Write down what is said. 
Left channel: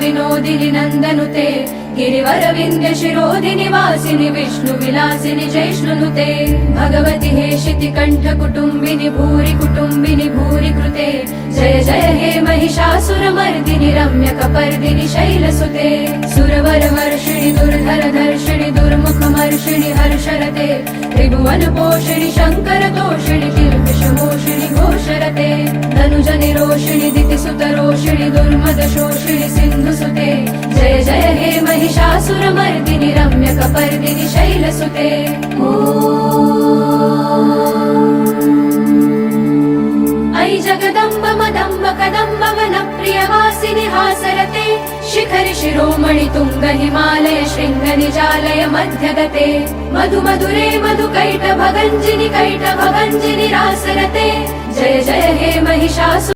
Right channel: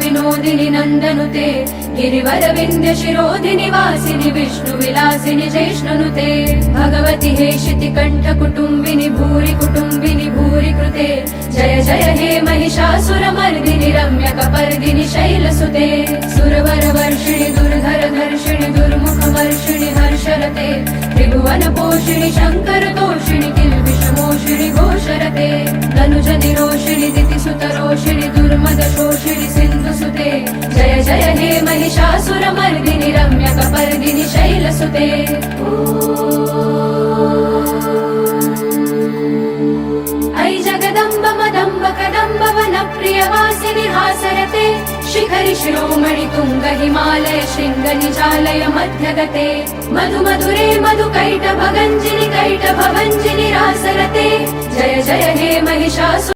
विनोदिनि नन्दनुते गिरिवर विन्ध्य शिरोधिनि वासिनि विष्णु विलासिनि जैष्णुनुते भगवति हेशिति कण्ठ कुटुम्बिनि भूरि कुटुम्बिनि भूरि कृते जय जय हे महिषासुरमर्दिनि रम्यकपर्दिनि शैलसुते सुरवर वर्षिणि दुर्धर धर्षिणि दुर्मुखमर्षिणि हर्षरते त्रिभुवन पोषिणि शङ्कर तोषिणि किल्बिषमोषिणि घोषरते धनुज निरोषिणि दितिसुतरोषिणि दुर्मद शोषिणि सिन्धुसुते जय जय हे महिषासुरमर्दिनि रम्यकपर्दिनि शैलसुते ऐ जगदम्ब मदम्ब कदम्ब वनप्रियवासिनि हासरते शिखरि शिरोमणि तुङ्ग हिमालय शृङ्ग निजालय मध्यगते मधु मधुरे मधुकैटभगञ्जिनि कैटभभञ्जिनि रासरते जय जय हे महिषासुर